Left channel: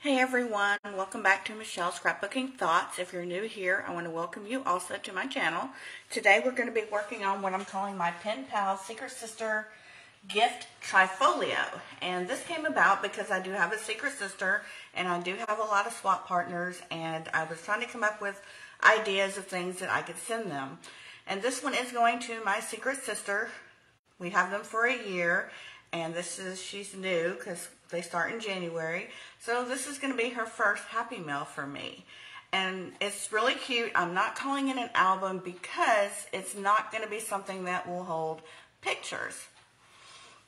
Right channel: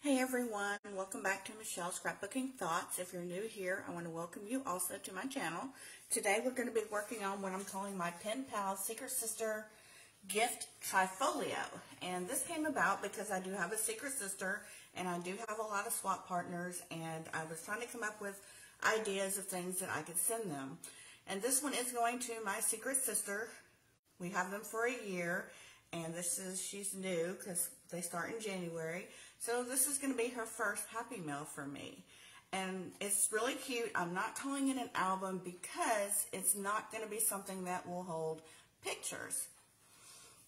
Hey everyone, welcome back to Michelle's Scrapbooking Thoughts. If you're new here, I want to welcome you also to my channel. Today we're going to be working on what I'm calling my Pen Pal Secret Sister Gift Tri-folio. And this came about because I do have a secret sister and I do have a lot of swap partners, and I was trying to come up with ideas of things that I could send them. And this one is going to my secret sister. We have them for a year, and she's new because they start in January. So this is going to be her first Happy Mail for me. And it's really cute. I'm not calling it an album because it's not going to be something that will hold pictures.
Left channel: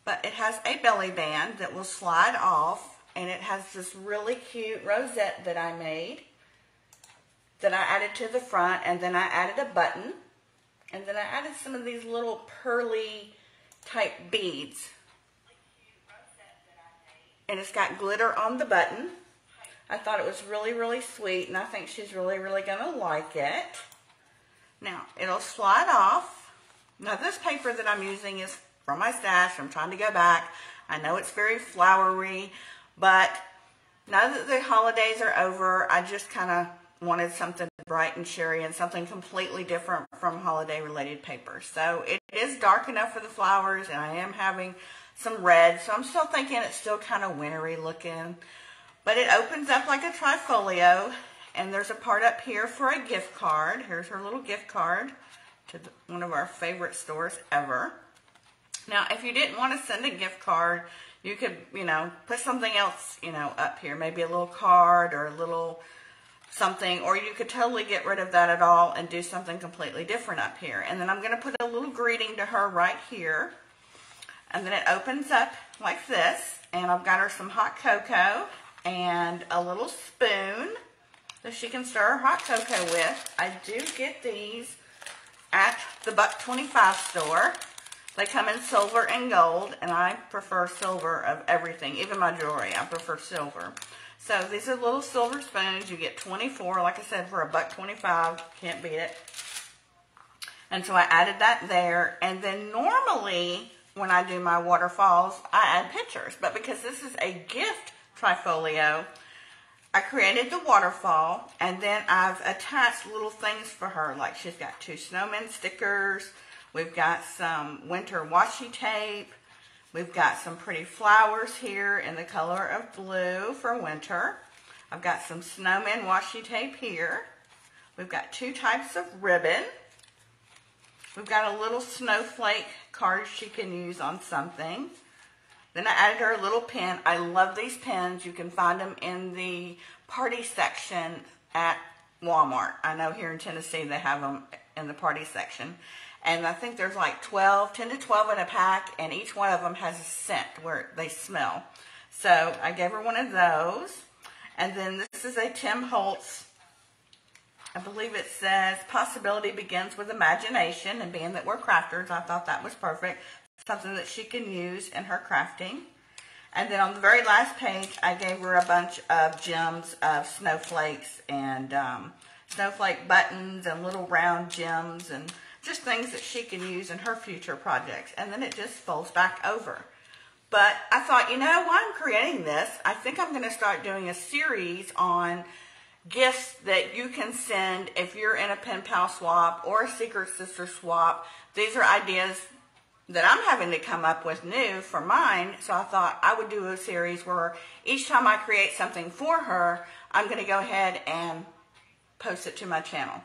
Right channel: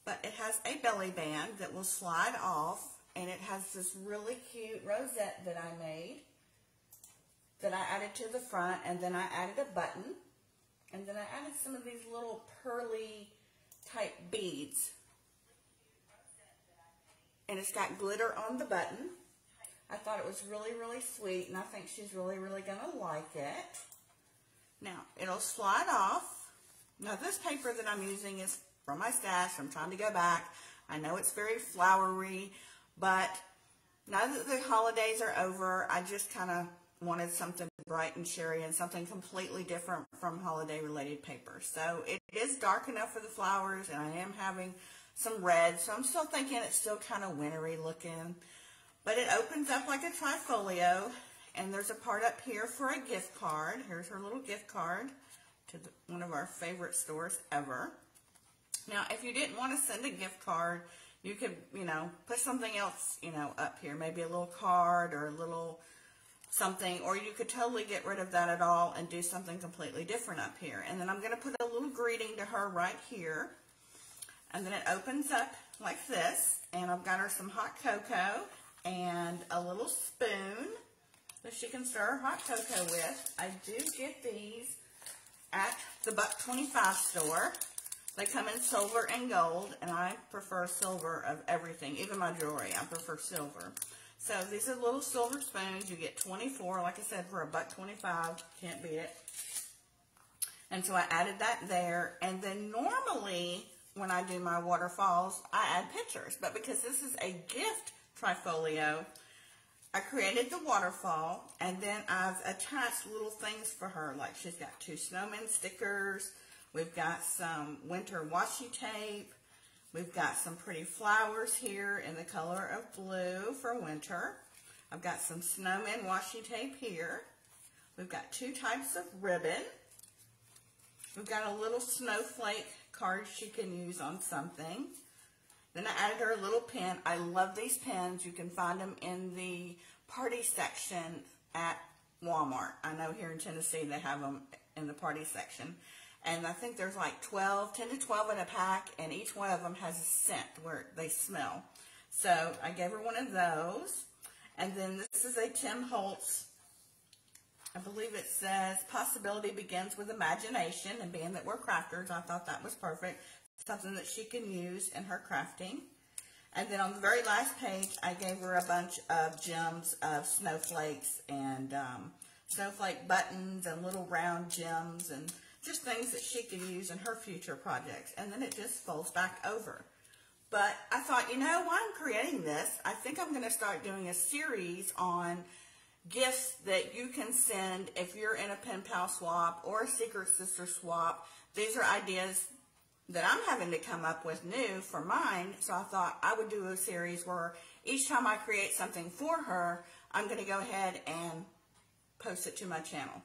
But it has a belly band that will slide off, and it has this really cute rosette that I made that I added to the front, and then I added a button, and then I added some of these little pearly type beads. And it's got glitter on the button. I thought it was really, really sweet, and I think she's really, really going to like it. Now, it'll slide off. Now, this paper that I'm using is from my stash. I'm trying to go back. I know it's very flowery, but now that the holidays are over, I just kind of wanted something bright and cheery and something completely different from holiday-related paper. So, it is dark enough for the flowers, and I am having some red, so I'm still thinking it's still kind of wintry looking. But it opens up like a tri-folio, and there's a part up here for a gift card. Here's her little gift card to one of our favorite stores ever. Now, if you didn't want to send a gift card, you could, put something else, up here. Maybe a little card or a little something, or you could totally get rid of that at all and do something completely different up here. And then I'm going to put a little greeting to her right here. And then it opens up like this, and I've got her some hot cocoa and a little spoon that she can stir her hot cocoa with. I do get these at the $1.25 store. They come in silver and gold, and I prefer silver of everything, even my jewelry. I prefer silver. So these are little silver spoons. You get 24, like I said, for $1.25. Can't beat it. And so I added that there, and then normally when I do my waterfalls, I add pictures. But because this is a gift tri-folio, I created the waterfall, and then I've attached little things for her. Like she's got 2 snowman stickers. We've got some winter washi tape. We've got some pretty flowers here in the color of blue for winter. I've got some snowman washi tape here. We've got 2 types of ribbon. We've got a little snowflake card she can use on something. Then I added her a little pen. I love these pens. You can find them in the party section at Walmart. I know here in Tennessee they have them in the party section. And I think there's like 10 to 12 in a pack, and each one of them has a scent where they smell. So I gave her one of those. And then this is a Tim Holtz, I believe it says, possibility begins with imagination, and being that we're crafters, I thought that was perfect. Something that she can use in her crafting. And then on the very last page, I gave her a bunch of gems of snowflakes and snowflake buttons and little round gems and just things that she can use in her future projects. And then it just folds back over. But I thought, while I'm creating this, I think I'm going to start doing a series on gifts that you can send if you're in a Pen Pal swap or a Secret Sister swap. These are ideas that I'm having to come up with new for mine. So I thought I would do a series where each time I create something for her, I'm going to go ahead and post it to my channel.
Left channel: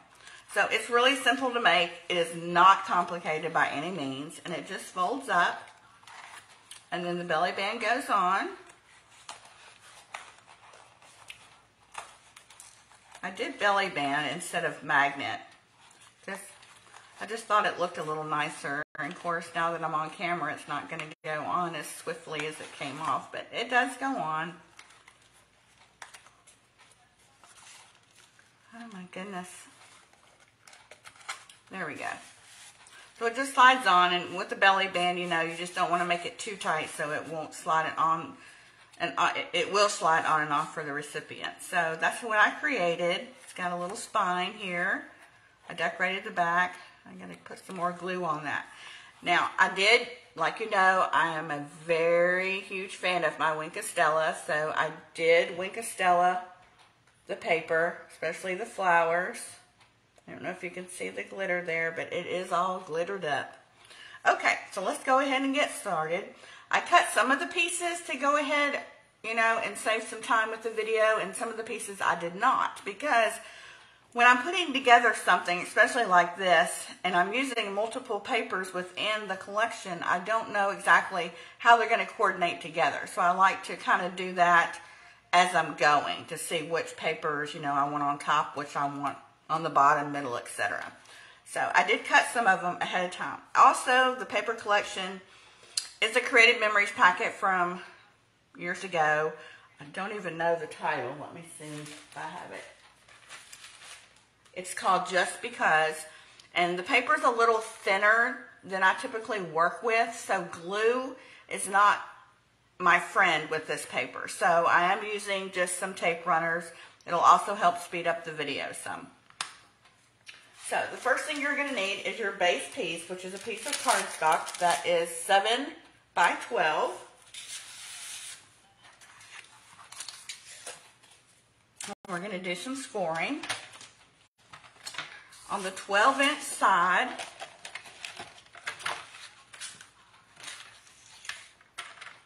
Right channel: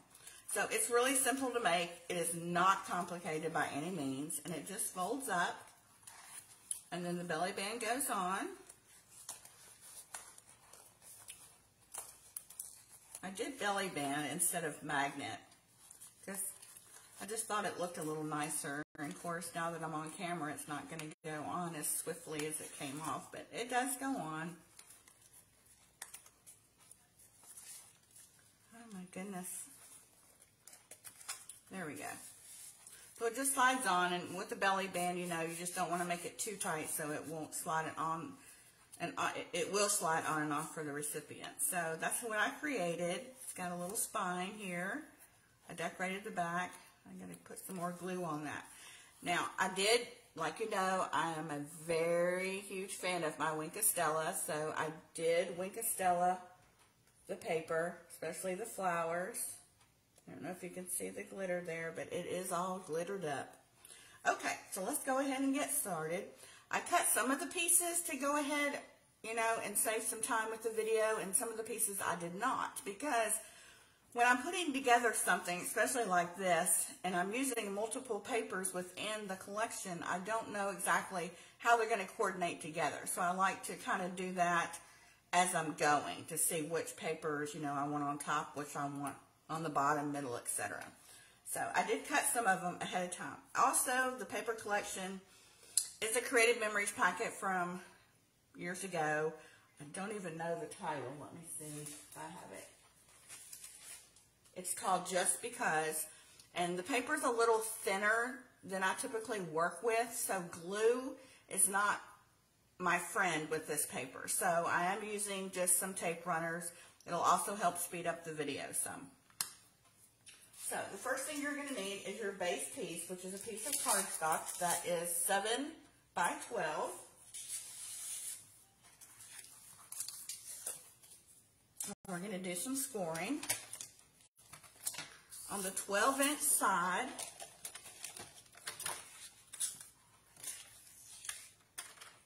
So it's really simple to make. It is not complicated by any means. And it just folds up. And then the belly band goes on. I did belly band instead of magnet. I just thought it looked a little nicer. And of course, now that I'm on camera, it's not going to go on as swiftly as it came off, but it does go on. Oh my goodness. There we go. So it just slides on, and with the belly band, you just don't want to make it too tight so it won't slide it on. And it will slide on and off for the recipient. So that's what I created. It's got a little spine here. I decorated the back. I'm going to put some more glue on that. Now, I did like you know, I am a very huge fan of my Wink of Stella, so I did Wink of Stella the paper, especially the flowers. I don't know if you can see the glitter there, but it is all glittered up. Okay, so let's go ahead and get started. I cut some of the pieces to go ahead, you know, and save some time with the video, and some of the pieces I did not, because when I'm putting together something, especially like this, and I'm using multiple papers within the collection, I don't know exactly how they're going to coordinate together. So I like to kind of do that as I'm going to see which papers, you know, I want on top, which I want on the bottom, middle, etc. So I did cut some of them ahead of time. Also, the paper collection is a Created Memories packet from years ago. I don't even know the title. Let me see if I have it. It's called Just Because, and the paper is a little thinner than I typically work with, so glue is not my friend with this paper. So I am using just some tape runners. It'll also help speed up the video some. So the first thing you're going to need is your base piece, which is a piece of cardstock that is 7 by 12. We're going to do some scoring. On the 12-inch side,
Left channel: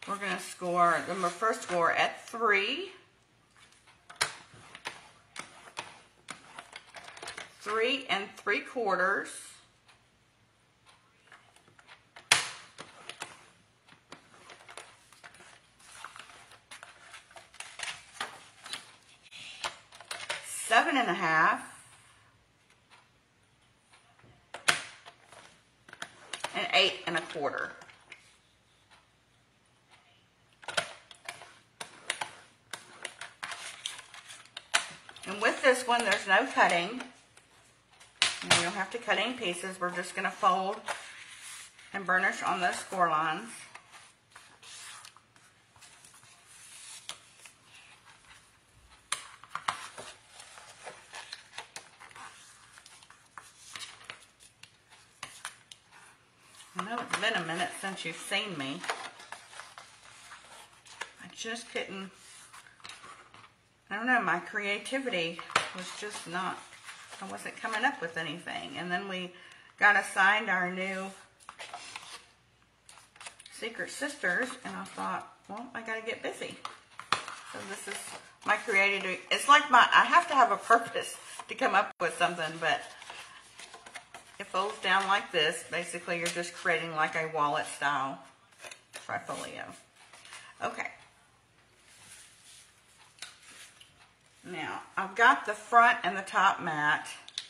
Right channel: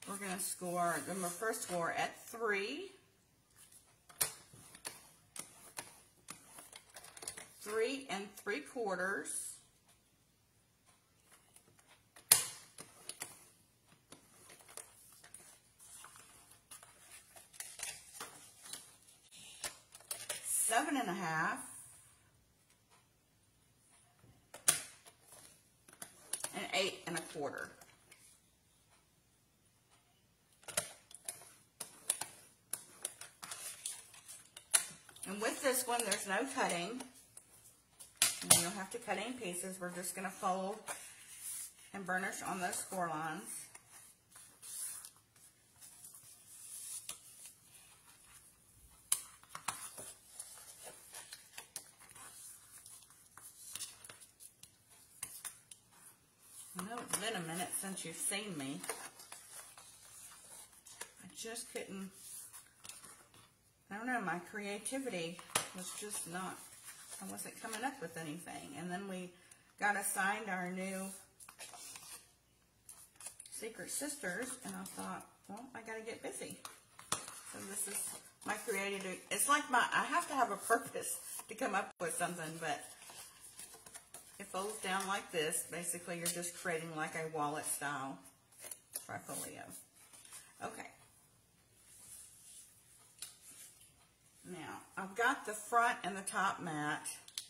we're going to score, the first score at 3. 3 3/4. Seven and a half. And 8 1/4. And with this one, there's no cutting. And you don't have to cut any pieces. We're just going to fold and burnish on those score lines. I know it's been a minute since you've seen me. I just couldn't, I don't know, my creativity was just not, I wasn't coming up with anything. And then we got assigned our new Secret Sisters, and I thought, well, I got to get busy. So this is my creativity. It's like I have to have a purpose to come up with something, but it folds down like this. Basically, you're just creating like a wallet style tri-folio. Okay. Now, I've got the front and the top mat,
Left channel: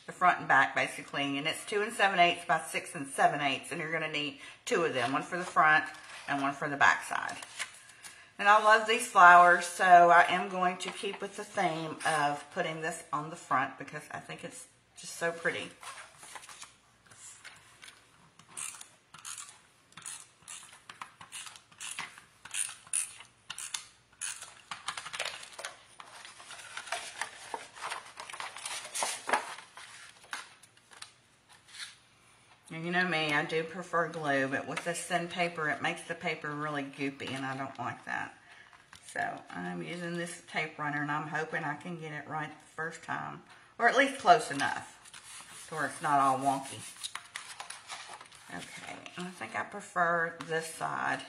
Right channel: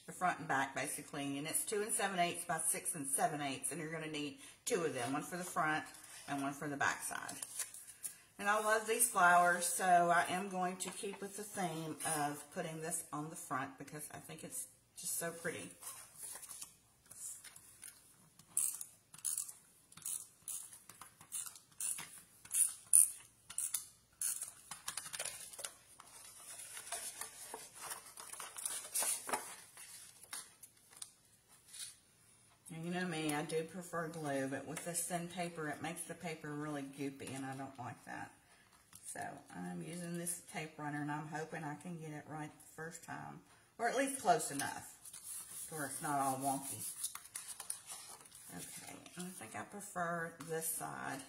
the front and back basically, and it's 2 7/8 by 6 7/8, and you're going to need 2 of them, one for the front and one for the back side. And I love these flowers, so I am going to keep with the theme of putting this on the front because I think it's just so pretty. You know me, I do prefer glue, but with this thin paper, it makes the paper really goopy, and I don't like that. So I'm using this tape runner, and I'm hoping I can get it right the first time, or at least close enough to where it's not all wonky. Okay, and I think I prefer this side.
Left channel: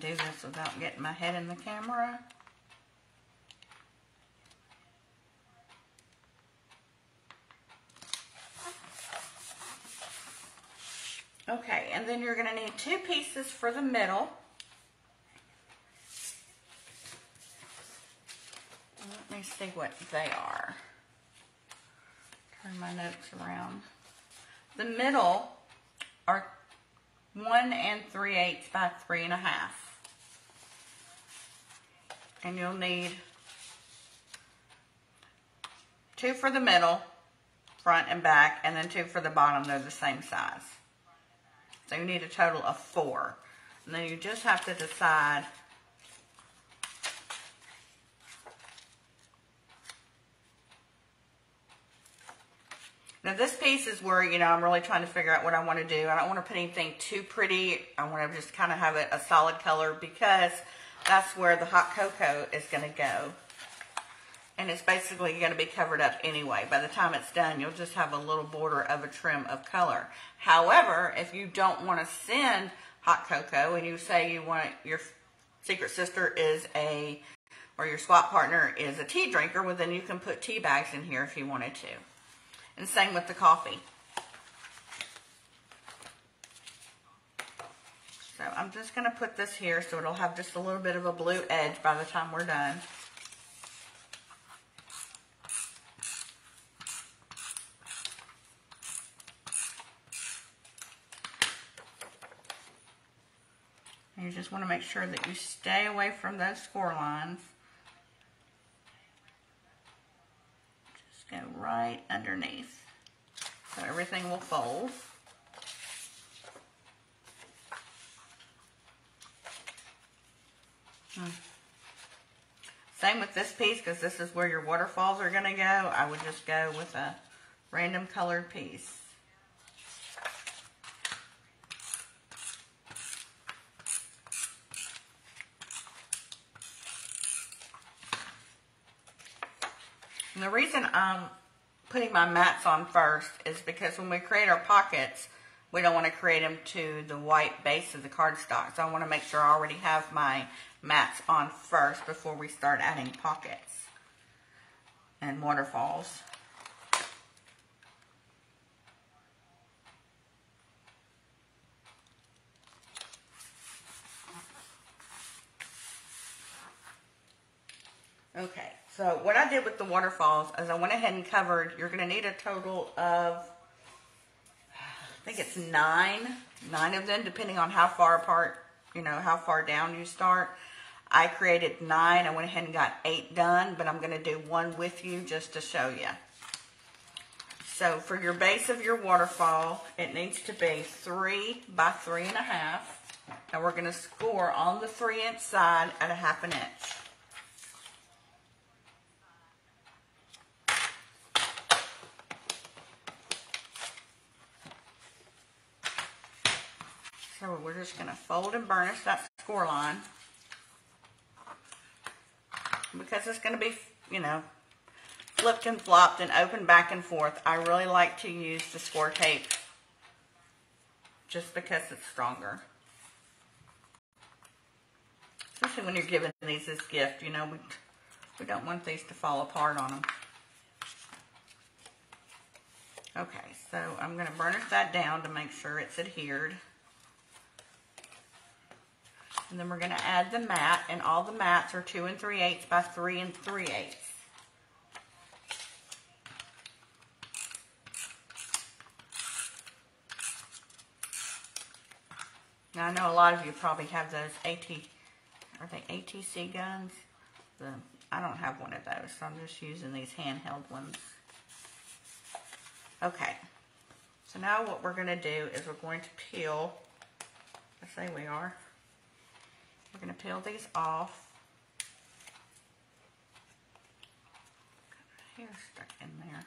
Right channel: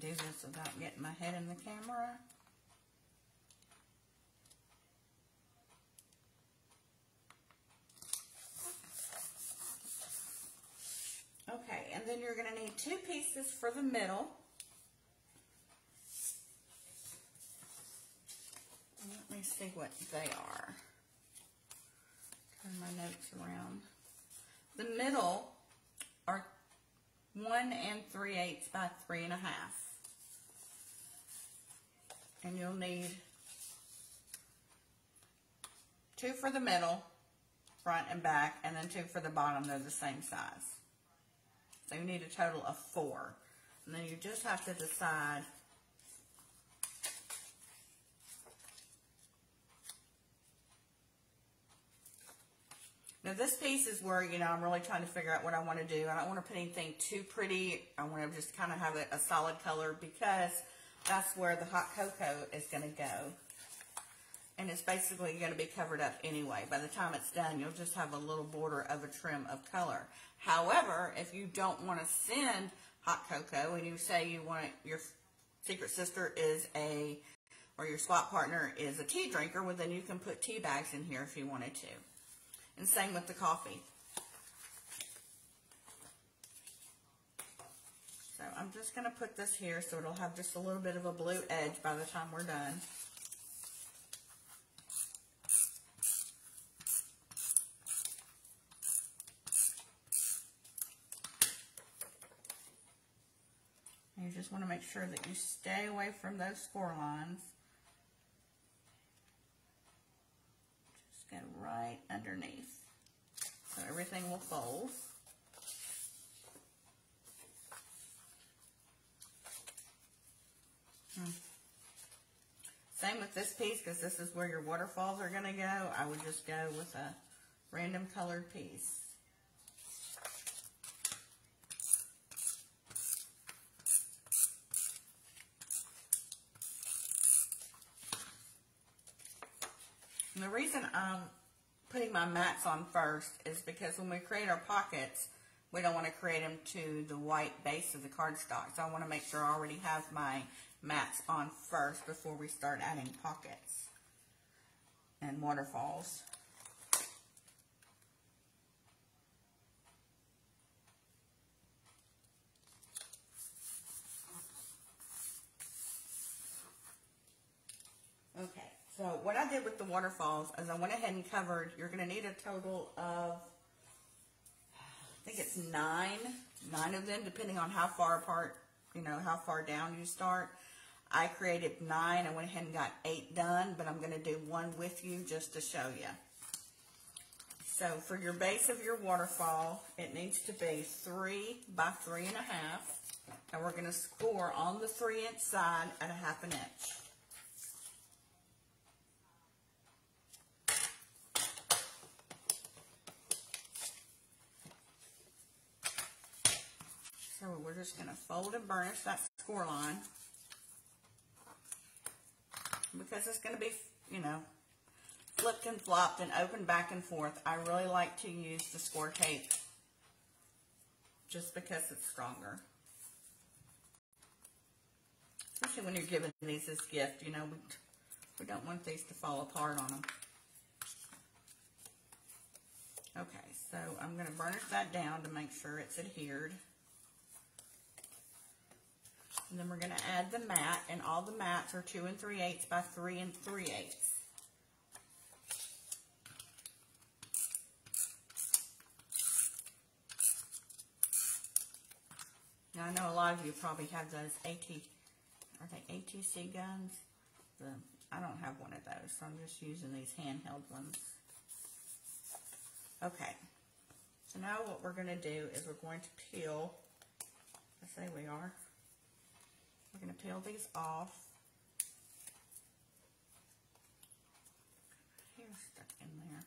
Do this without getting my head in the camera. Okay, and then you're going to need 2 pieces for the middle. Let me see what they are. Turn my notes around. The middle are 1 3/8 by 3 1/2. And you'll need 2 for the middle front and back, and then 2 for the bottom. They're the same size. So you need a total of 4. And then you just have to decide now this piece is where, you know, I'm really trying to figure out what I want to do. I don't want to put anything too pretty. I want to just kind of have it a solid color because that's where the hot cocoa is going to go. And it's basically going to be covered up anyway. By the time it's done, you'll just have a little border of a trim of color. However, if you don't want to send hot cocoa and you say you want your secret sister is or your swap partner is a tea drinker, well then you can put tea bags in here if you wanted to. And same with the coffee. So I'm just going to put this here so it'll have just a little bit of a blue edge by the time we're done. And you just want to make sure that you stay away from those score lines. Go right underneath so everything will fold. Same with this piece, because this is where your waterfalls are going to go. I would just go with a random colored piece. And the reason I'm putting my mats on first is because when we create our pockets, we don't want to create them to the white base of the cardstock. So I want to make sure I already have my mats on first before we start adding pockets and waterfalls. Okay. So what I did with the waterfalls is I went ahead and covered, you're going to need a total of, I think it's 9 of them, depending on how far apart, you know, how far down you start. I created 9. I went ahead and got 8 done, but I'm going to do 1 with you just to show you. So for your base of your waterfall, it needs to be 3 by 3.5. And we're going to score on the 3-inch side at a 1/2 inch. So we're just going to fold and burnish that score line because it's going to be, you know, flipped and flopped and open back and forth. I really like to use the score tape just because it's stronger. Especially when you're giving these as gift, you know, we don't want these to fall apart on them. Okay, so I'm going to burnish that down to make sure it's adhered. And then we're going to add the mat, and all the mats are 2 3/8 by 3 3/8. Now I know a lot of you probably have those are they ATC guns? I don't have one of those, so I'm just using these handheld ones. Okay, so now what we're going to do is we're going to peel, I say we are. We're going to peel these off. Hair stuck in there.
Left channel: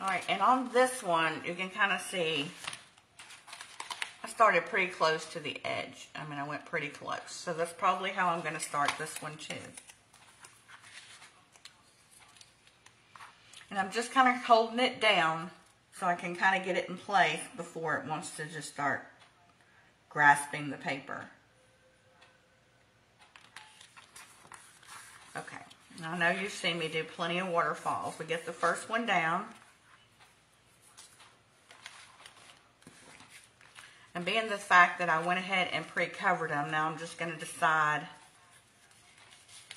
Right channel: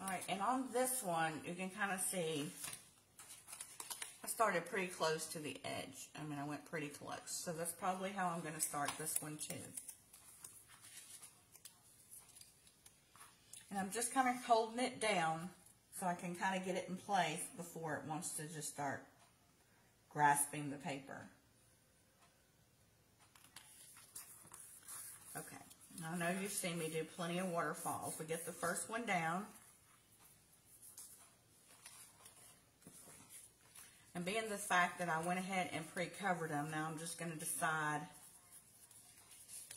Alright, and on this one, you can kind of see, I started pretty close to the edge. I mean, I went pretty close. So that's probably how I'm going to start this one too. And I'm just kind of holding it down so I can kind of get it in place before it wants to just start grasping the paper. Okay, now I know you've seen me do plenty of waterfalls. We get the first one down. And being the fact that I went ahead and pre-covered them, now I'm just going to decide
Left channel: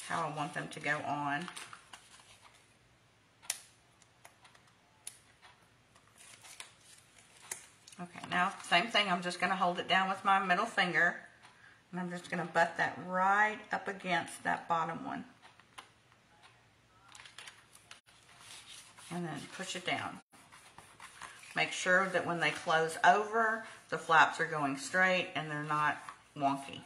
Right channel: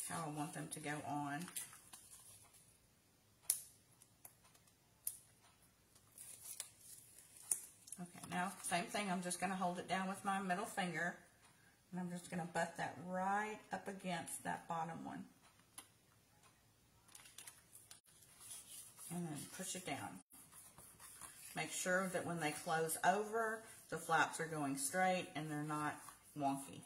how I want them to go on. Okay, now same thing, I'm just going to hold it down with my middle finger, and I'm just going to butt that right up against that bottom one. and then push it down. Make sure that when they close over, the flaps are going straight and they're not wonky.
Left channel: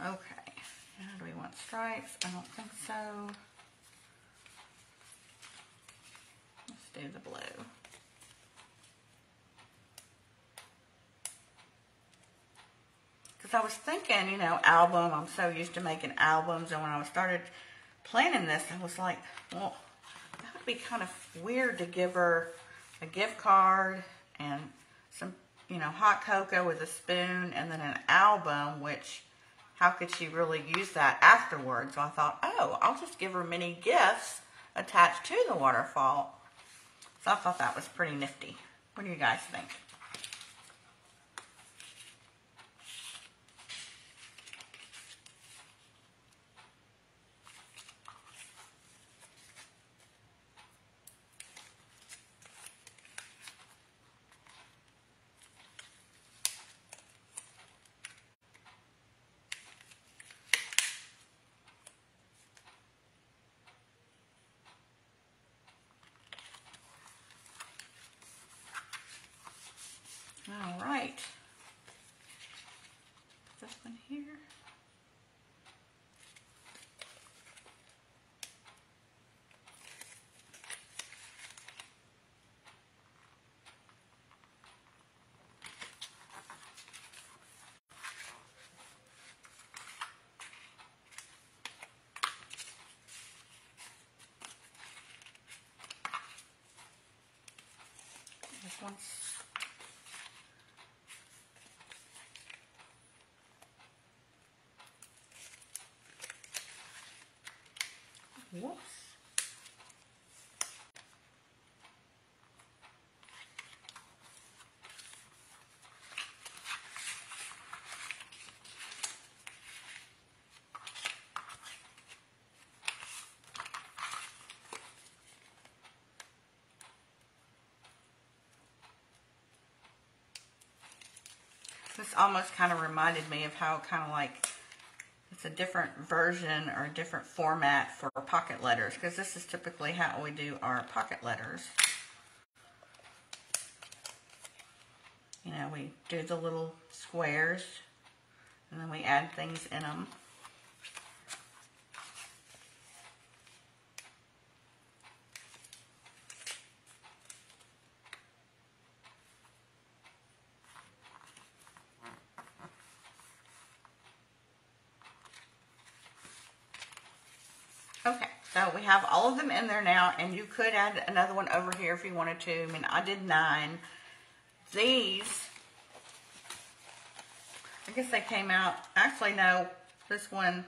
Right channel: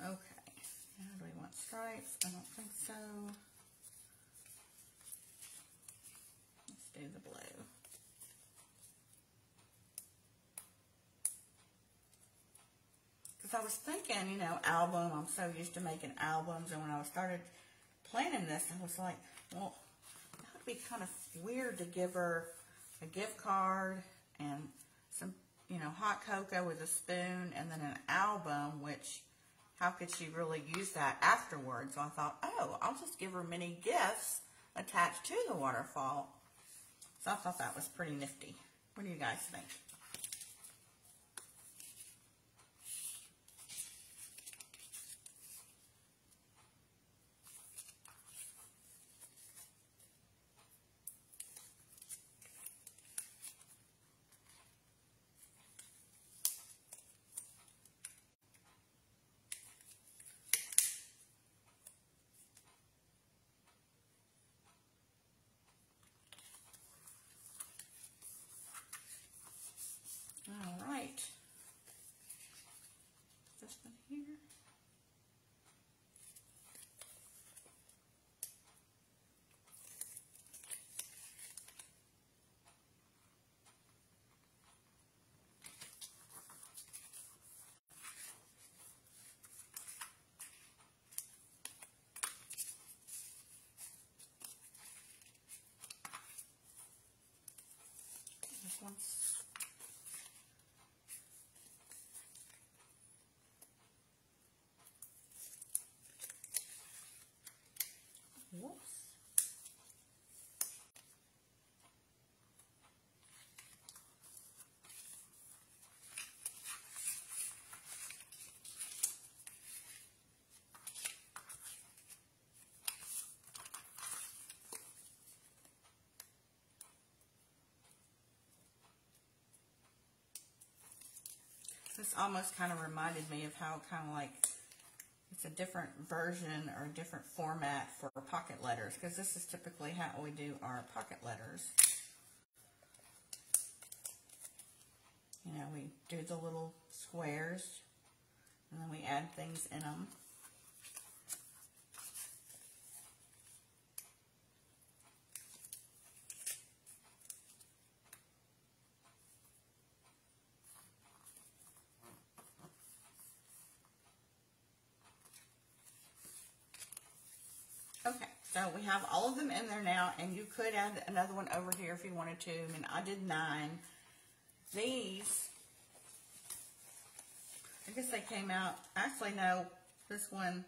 Okay, now do we want stripes? I don't think so. Let's do the blue. Because I was thinking, you know, album, I'm so used to making albums, and when I started planning this, I was like, well, that would be kind of weird to give her a gift card and some, you know, hot cocoa with a spoon and then an album, which, how could she really use that afterwards? So I thought, oh, I'll just give her mini gifts attached to the waterfall. So I thought that was pretty nifty. What do you guys think? All right. This one here. This one's whoops. This almost kind of reminded me of how kind of like it's a different version or a different format for pocket letters, because this is typically how we do our pocket letters. You know, we do the little squares and then we add things in them. Okay, so we have all of them in there now, and you could add another one over here if you wanted to. I mean, I did 9. These, I guess they came out, actually no, this one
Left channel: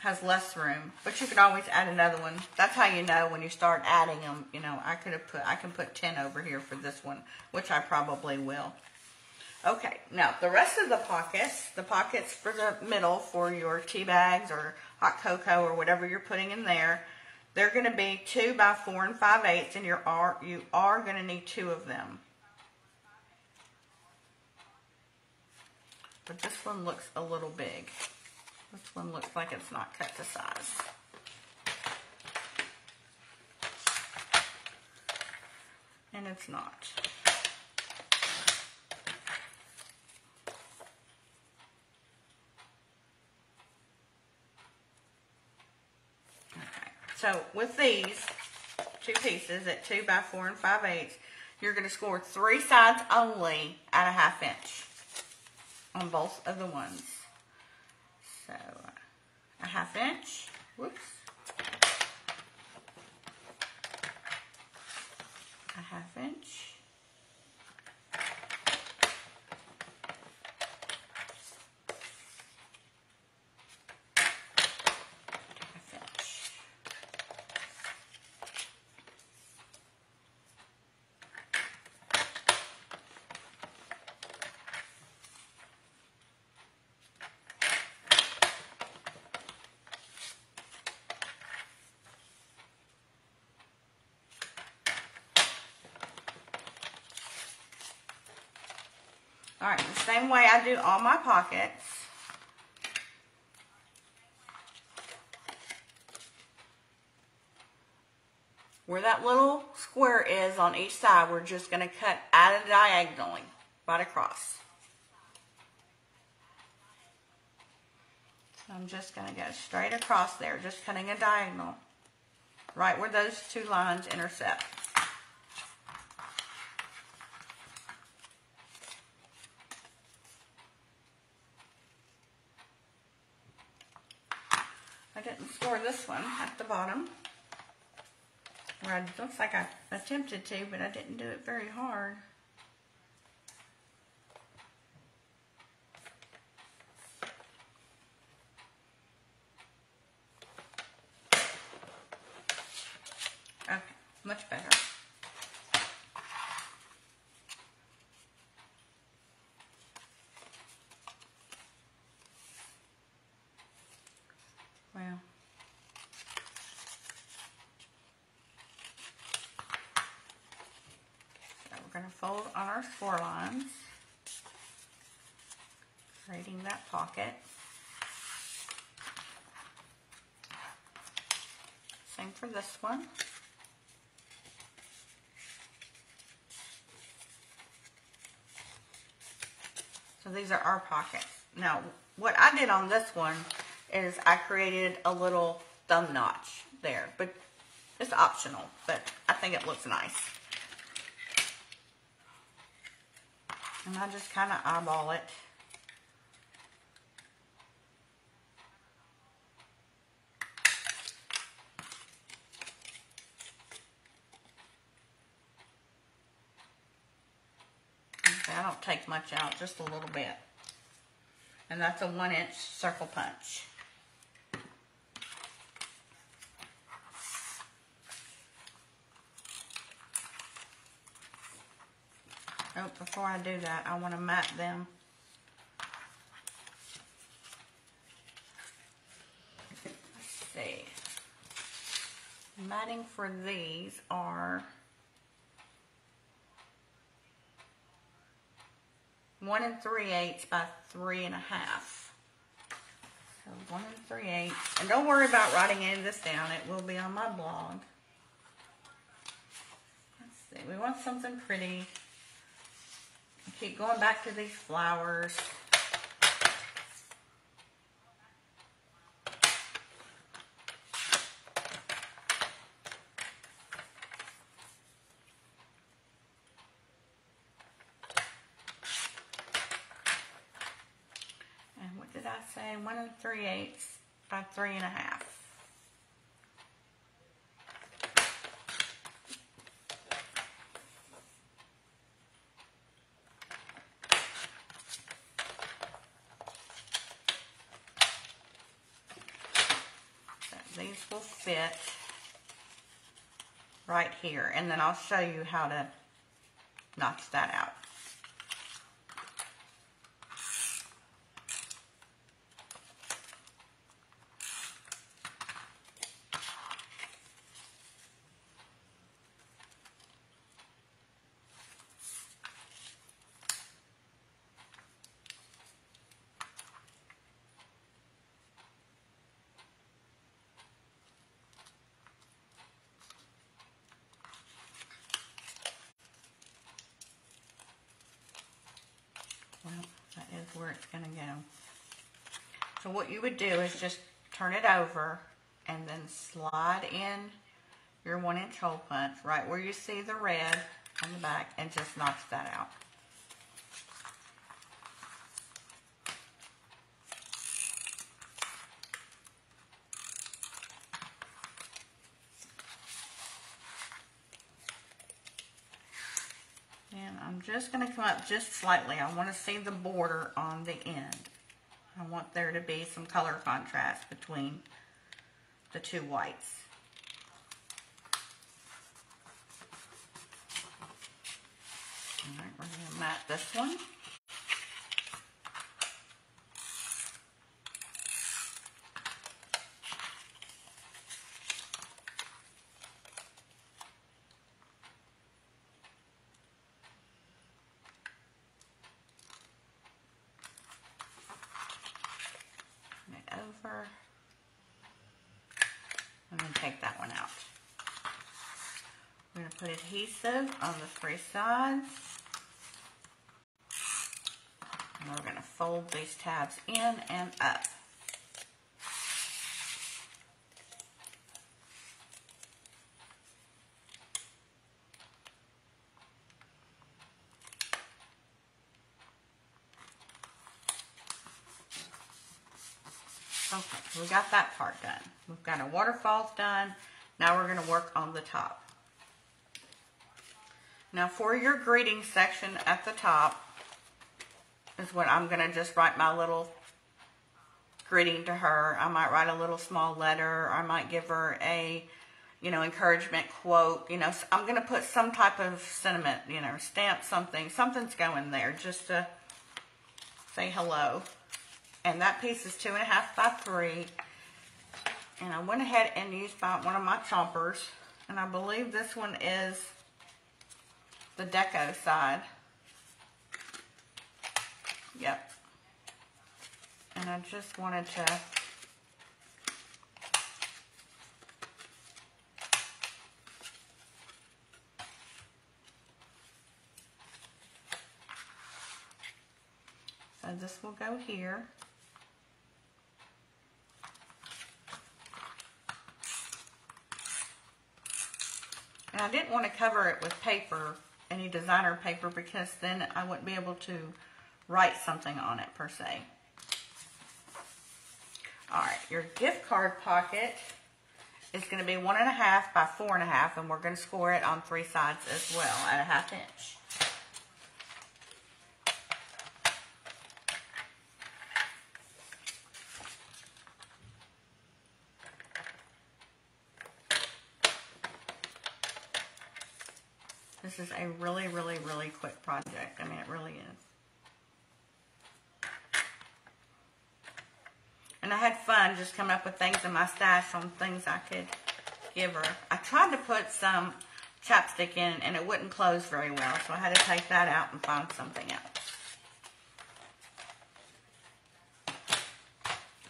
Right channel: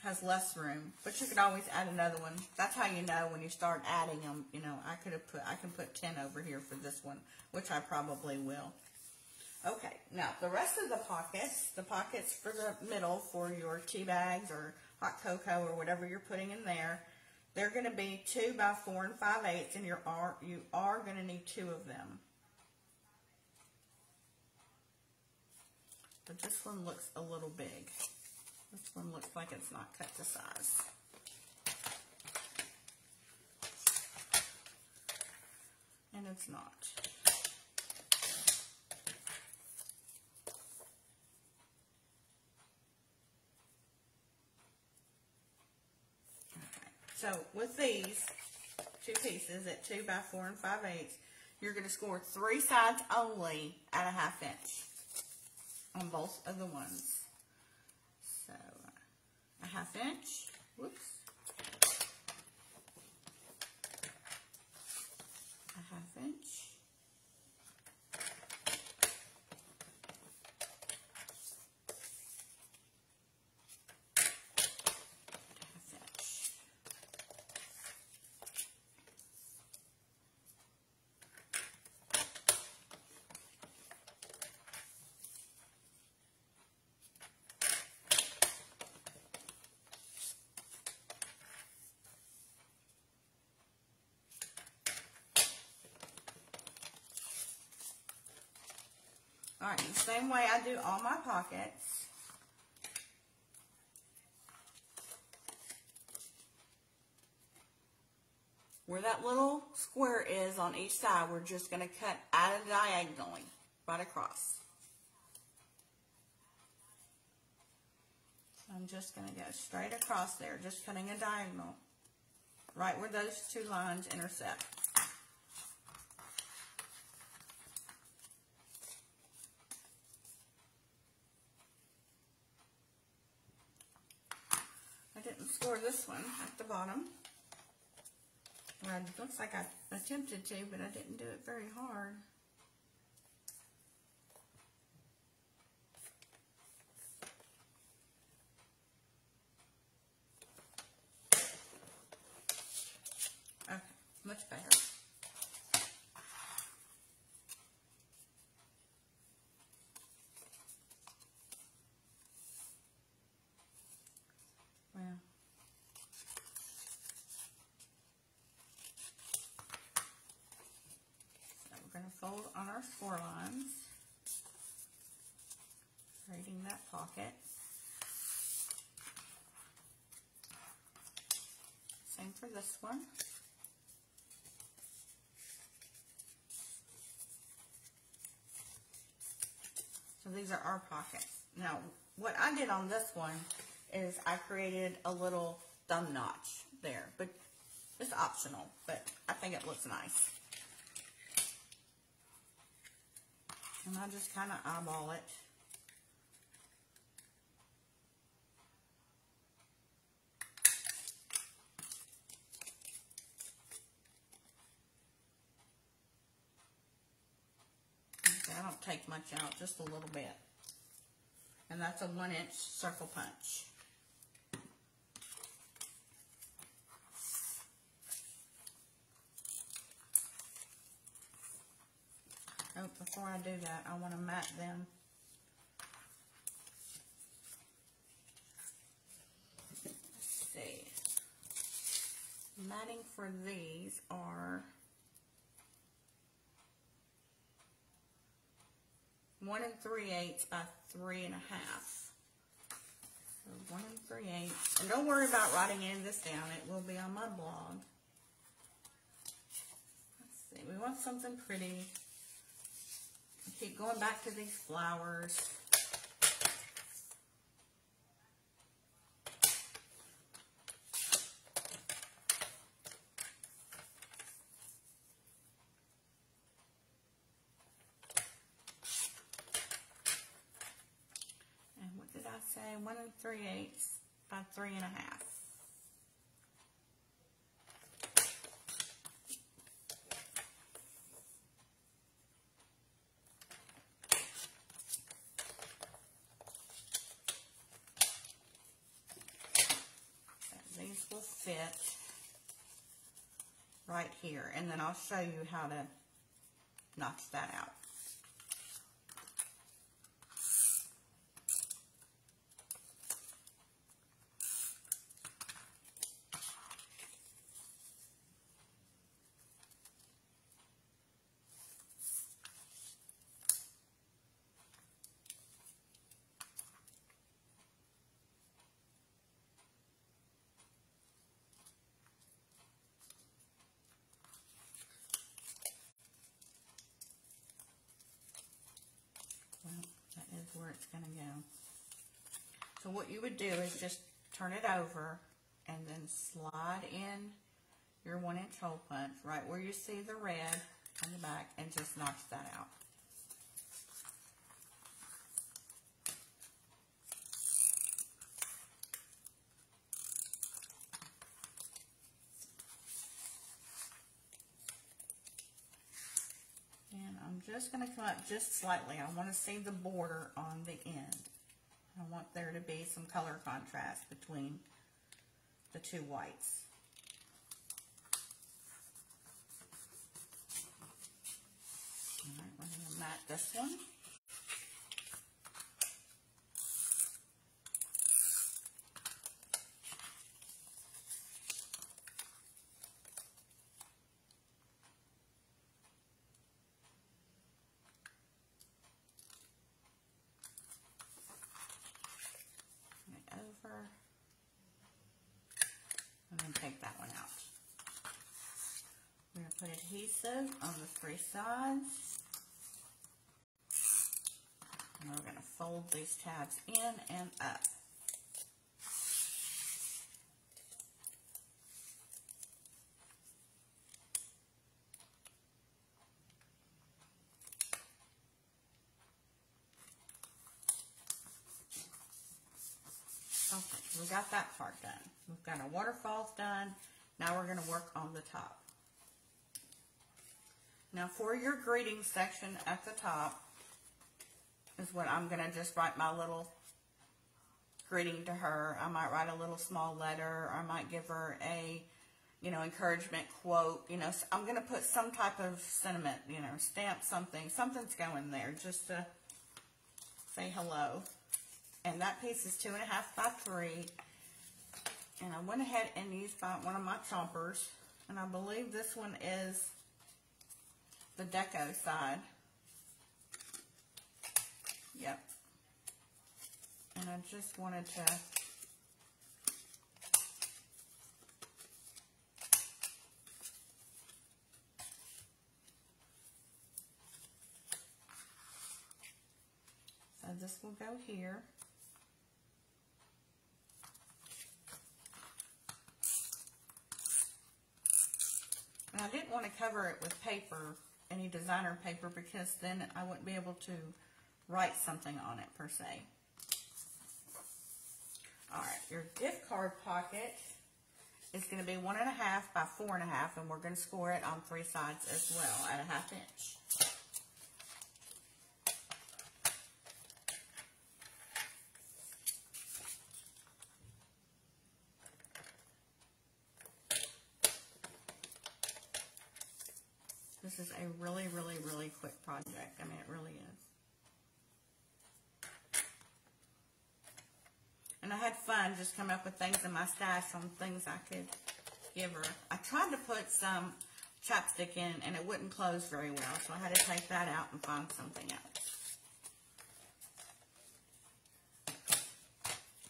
has less room, but you could always add another one. That's how you know when you start adding them. You know, I can put 10 over here for this one, which I probably will. Okay, now the rest of the pockets for the middle for your tea bags or hot cocoa or whatever you're putting in there, they're going to be 2 by 4 5/8, and you are going to need 2 of them. But this one looks a little big. This one looks like it's not cut to size. And it's not. So with these 2 pieces at 2 by 4 5/8, you're going to score 3 sides only at a 1/2 inch on both of the ones. So a 1/2 inch, whoops, a 1/2 inch, all right, the same way I do all my pockets. where that little square is on each side, we're just going to cut at it diagonally, right across. So I'm just going to go straight across there, just cutting a diagonal, right where those two lines intersect. I didn't score this one at the bottom. Or it looks like I attempted to, but I didn't do it very hard. Okay, much better. Well. We're going to fold on our score lines, creating that pocket. Same for this one. So these are our pockets. Now, what I did on this one is I created a little thumb notch there, but it's optional, but I think it looks nice. And I just kind of eyeball it. Okay, I don't take much out, just a little bit. And that's a 1-inch circle punch. Oh, before I do that, I want to mat them. Let's see. Matting for these are 1 3/8 by 3 1/2. So 1 3/8. And don't worry about writing any of this down. It will be on my blog. Let's see. We want something pretty. Keep going back to these flowers. And what did I say? 1 3/8 by 3 1/2. These will fit right here, and then I'll show you how to notch that out. Where it's going to go. So what you would do is just turn it over and then slide in your 1-inch hole punch right where you see the red on the back and just notch that out. And I'm just going to come up just slightly. I want to see the border on the end. I want there to be some color contrast between the two whites. Alright, we're going to mat this one. Over. And then take that one out. adhesive on the 3 sides. And we're going to fold these tabs in and up. Okay, we got that part done. We've got our waterfalls done. Now we're going to work on the top. Now for your greeting section at the top is what I'm going to just write my little greeting to her. I might write a little small letter. I might give her a, encouragement quote. I'm going to put some type of sentiment, stamp something. Something's going there just to say hello. And that piece is 2.5 by 3. And I went ahead and used one of my chompers. And I believe this one is the deco side. Yep. And I just wanted to so this will go here. And I didn't want to cover it with paper, any designer paper, because then I wouldn't be able to write something on it per se. Alright, your gift card pocket is going to be 1.5 by 4.5, and we're going to score it on 3 sides as well at a 1/2 inch. This is a really, really, really quick project. I mean, it really is. And I had fun just coming up with things in my stash on things I could give her. I tried to put some chapstick in and it wouldn't close very well, so I had to take that out and find something else.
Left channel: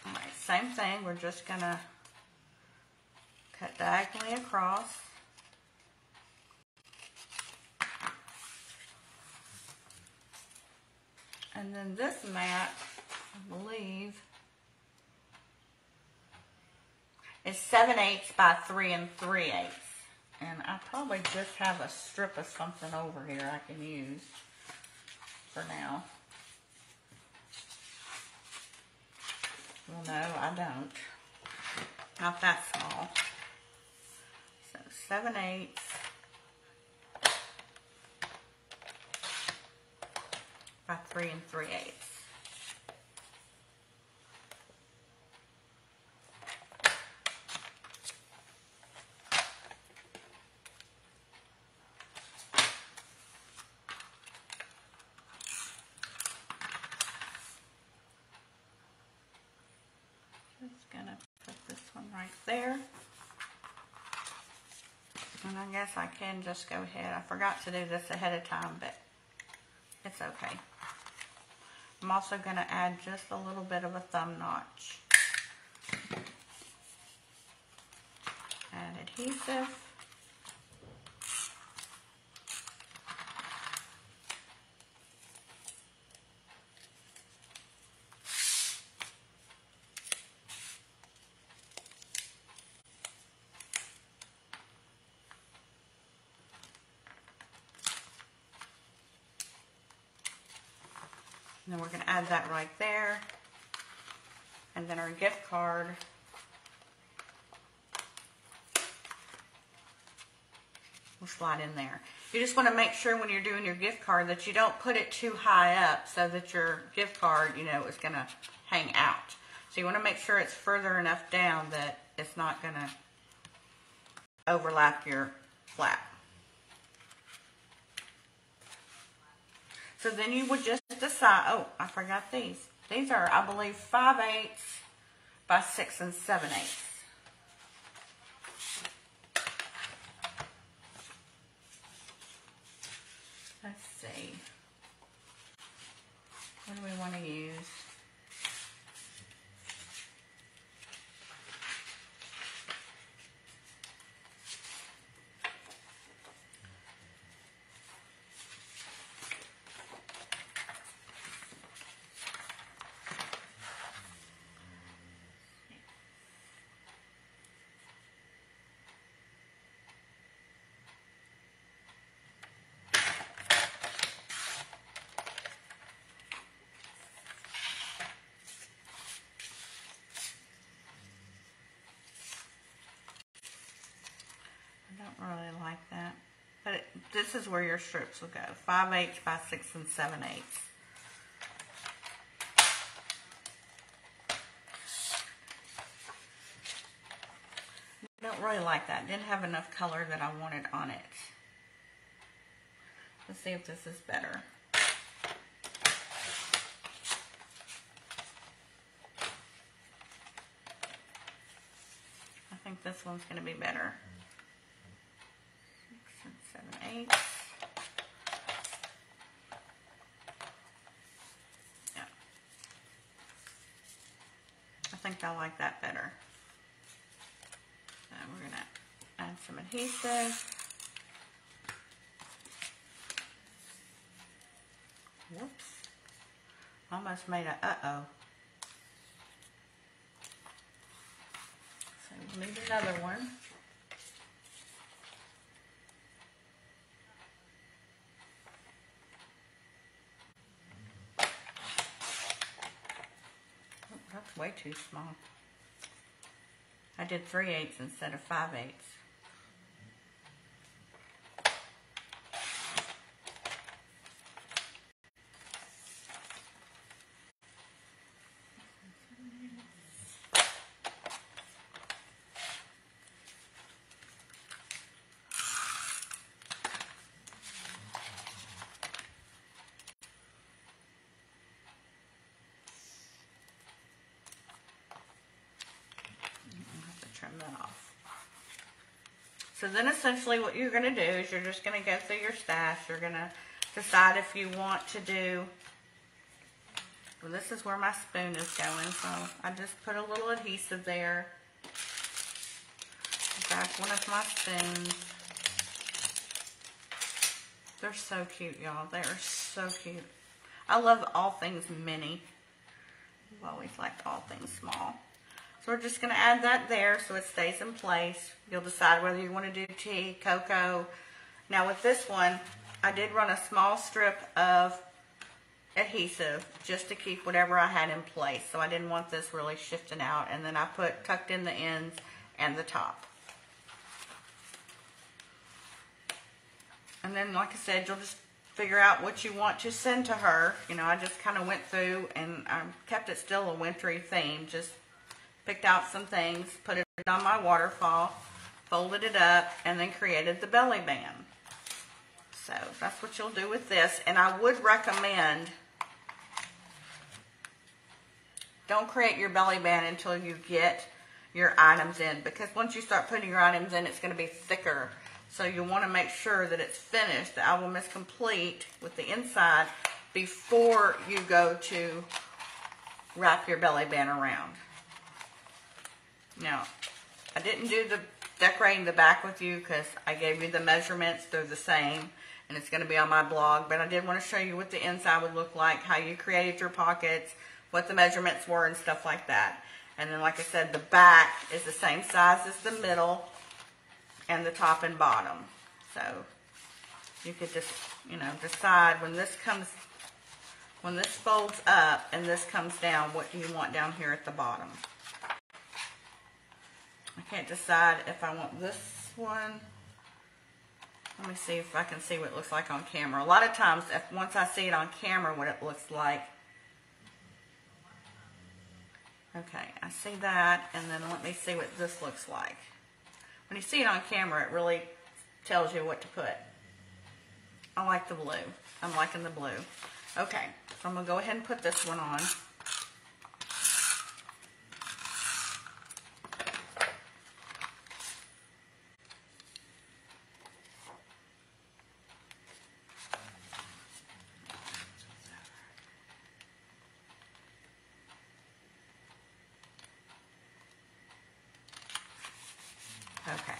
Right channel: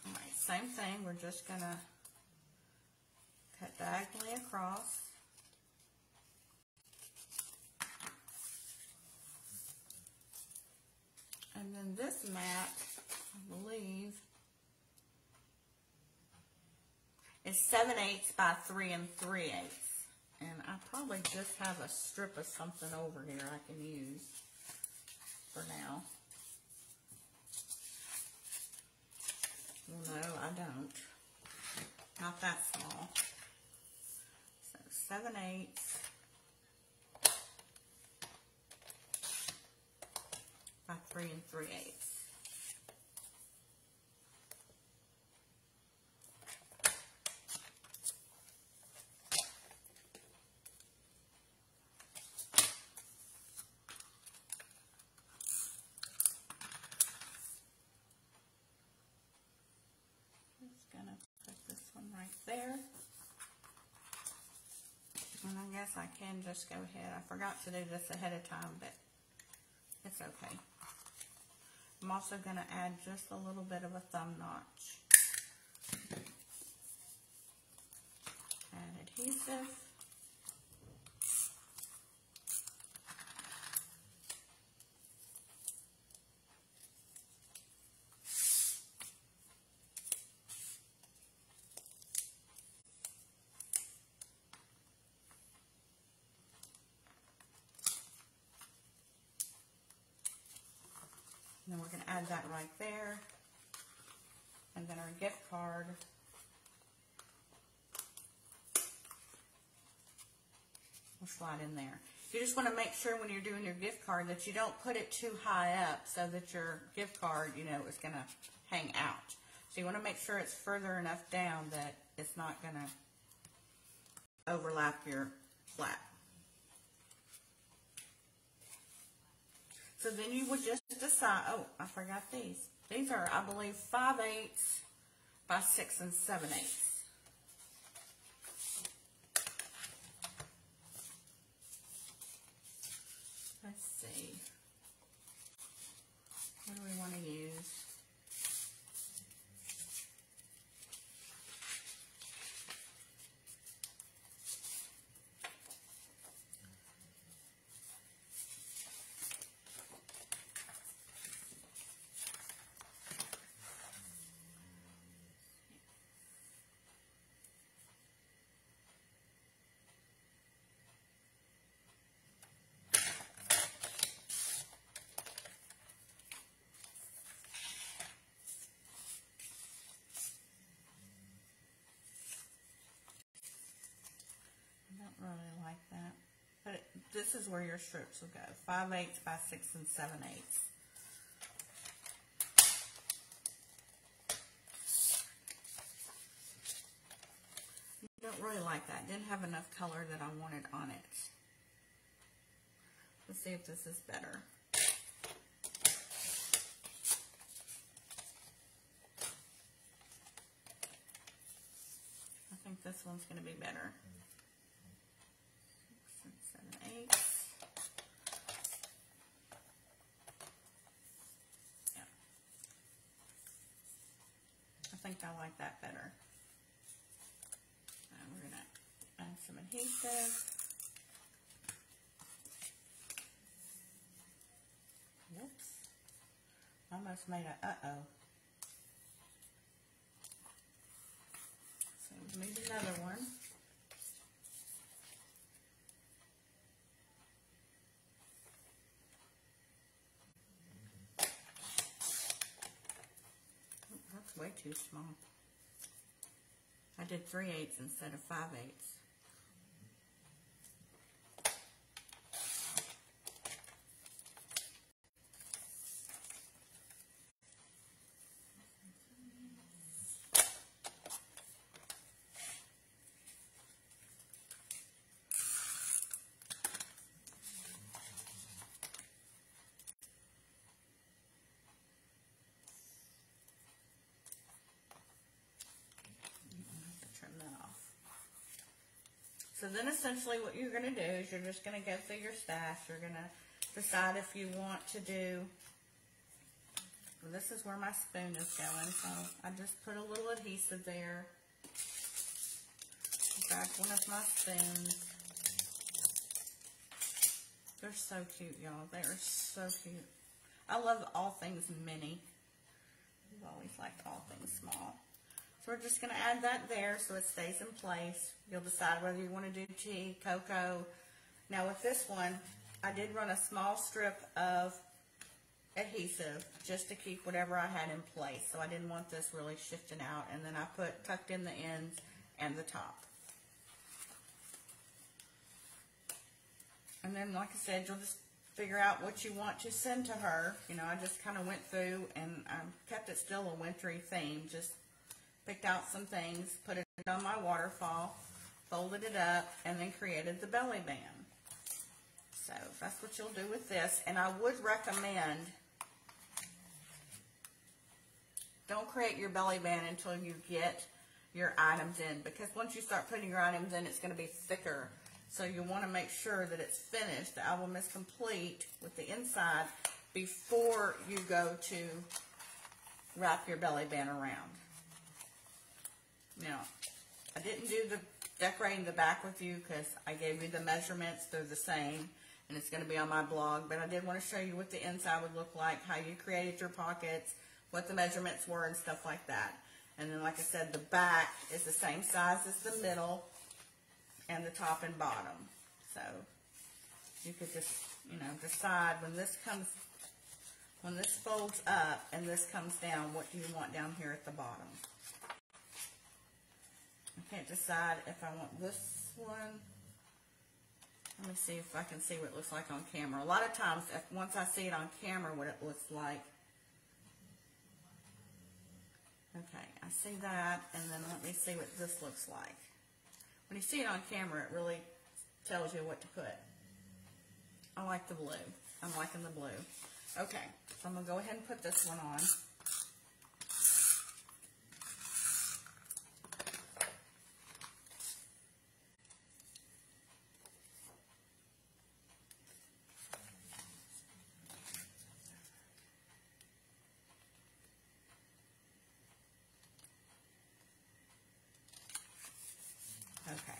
Alright, same thing. We're just going to cut diagonally across. And then this mat, I believe, is 7/8 by 3 3/8. And I probably just have a strip of something over here I can use for now. Well, no, I don't. Not that small. So 7/8. By 3 3/8. Just gonna put this one right there. And I guess I can just go ahead. I forgot to do this ahead of time, but it's okay. I'm also going to add just a little bit of a thumb notch. Add adhesive. And then we're going to add that right there. And then our gift card will slide in there. You just want to make sure when you're doing your gift card that you don't put it too high up so that your gift card, is going to hang out. So you want to make sure it's further enough down that it's not going to overlap your flap. So then you would just decide, oh, I forgot these. These are, I believe, 5/8 by 6 7/8. Let's see. What do we want to use? this is where your strips will go. 5/8 by 6 7/8. I don't really like that. Didn't have enough color that I wanted on it. Let's see if this is better. I think this one's going to be better. 6 7/8. Yeah. I think I like that better. So we're going to add some adhesive. Whoops. Almost made a uh-oh. So we'll need another one. Oh, that's way too small. I did 3/8 instead of 5/8. So then essentially what you're going to do is you're just going to go through your stash. You're going to decide if you want to do, well, this is where my spoon is going. So I just put a little adhesive there. Grab one of my spoons. They're so cute, y'all. They are so cute. I love all things mini. I've always liked all things small. So we're just going to add that there so it stays in place. You'll decide whether you want to do tea, cocoa. Now with this one, I did run a small strip of adhesive just to keep whatever I had in place. So I didn't want this really shifting out. And then I tucked in the ends and the top. And then, like I said, you'll just figure out what you want to send to her. You know, I just kind of went through and I kept it still a wintry theme. Just picked out some things, put it on my waterfall, folded it up, and then created the belly band. So that's what you'll do with this. And I would recommend, don't create your belly band until you get your items in, because once you start putting your items in, it's going to be thicker. So you want to make sure that it's finished, the album is complete with the inside before you go to wrap your belly band around. Now, I didn't do the decorating the back with you because I gave you the measurements. They're the same, and it's going to be on my blog. But I did want to show you what the inside would look like, how you created your pockets, what the measurements were, and stuff like that. And then, like I said, the back is the same size as the middle and the top and bottom. So you could just, you know, decide when this folds up and this comes down, what do you want down here at the bottom? I can't decide if I want this one. Let me see if I can see what it looks like on camera. A lot of times, once I see it on camera, what it looks like. Okay, I see that, and then let me see what this looks like. When you see it on camera, it really tells you what to put. I like the blue. I'm liking the blue. Okay, so I'm going to go ahead and put this one on. Okay.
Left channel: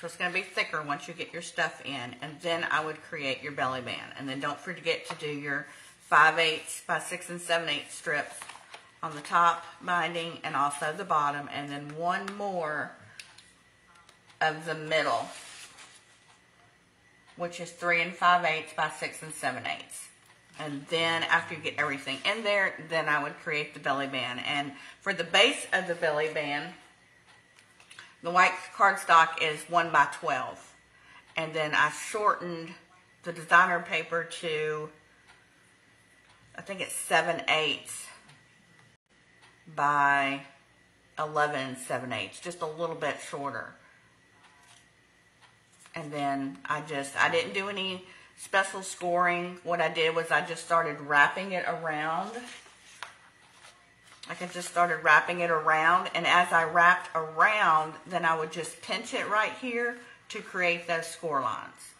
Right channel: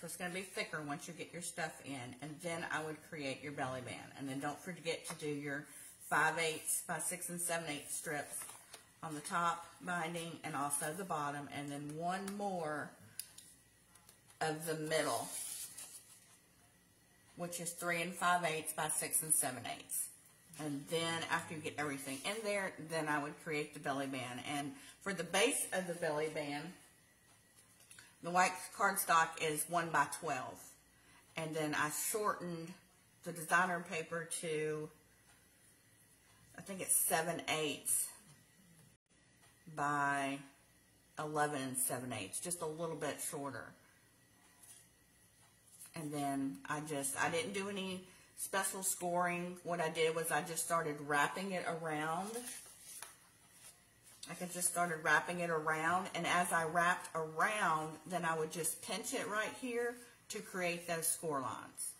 So it's going to be thicker once you get your stuff in, and then I would create your belly band. And then don't forget to do your 5/8 by 6 7/8 strips on the top binding and also the bottom, and then one more of the middle which is 3 5/8 by 6 7/8. And then after you get everything in there, then I would create the belly band. And for the base of the belly band, the white cardstock is 1 by 12. And then I shortened the designer paper to, I think it's 7/8 by 11 7/8, just a little bit shorter. And then I didn't do any special scoring. What I did was I just started wrapping it around. I just started wrapping it around, and as I wrapped around, then I would just pinch it right here to create those score lines.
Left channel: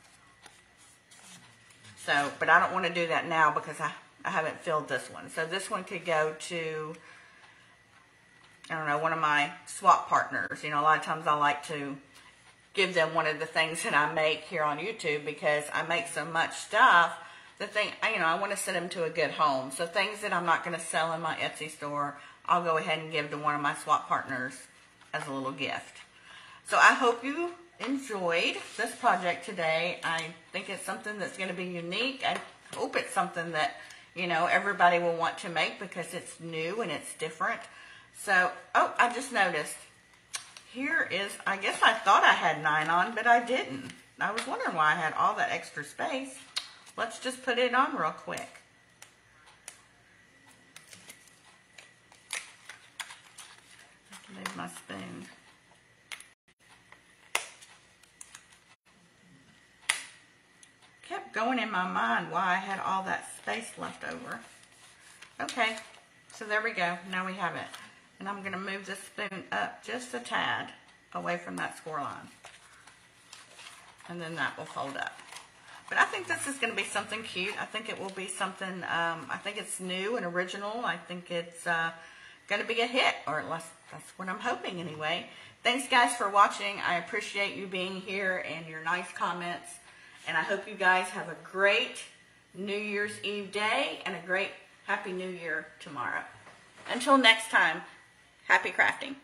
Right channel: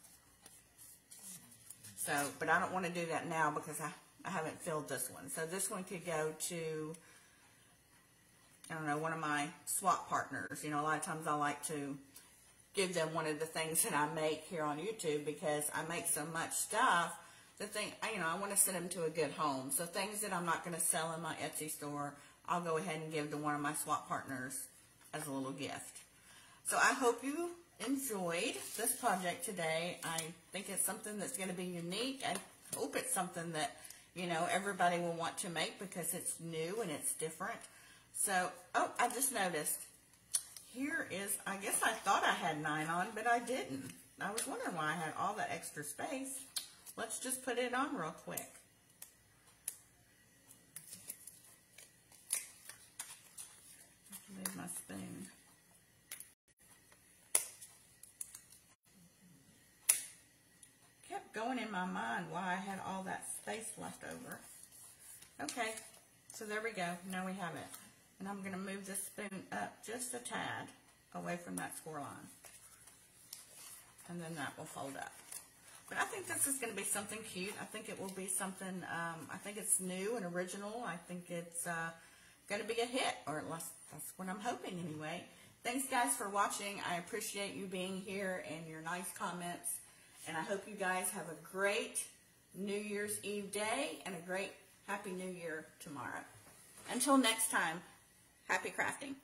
So, but I don't want to do that now because I haven't filled this one. So this one could go to, I don't know, one of my swap partners. You know, a lot of times I like to give them one of the things that I make here on YouTube because I make so much stuff that I want to send them to a good home. So things that I'm not going to sell in my Etsy store, I'll go ahead and give to one of my swap partners as a little gift. So I hope you enjoyed this project today. I think it's something that's going to be unique. I hope it's something that, you know, everybody will want to make because it's new and it's different. So, oh, I just noticed. Here is, I guess I thought I had 9 on, but I didn't. I was wondering why I had all that extra space. Let's just put it on real quick. Move my spoon. Kept going in my mind why I had all that space left over. Okay, so there we go. Now we have it. And I'm going to move this spoon up just a tad away from that score line. And then that will fold up. But I think this is going to be something cute. I think it will be something, I think it's new and original. I think it's going to be a hit, or at least that's what I'm hoping anyway. Thanks guys for watching. I appreciate you being here and your nice comments. And I hope you guys have a great New Year's Eve day and a great Happy New Year tomorrow. Until next time, happy crafting.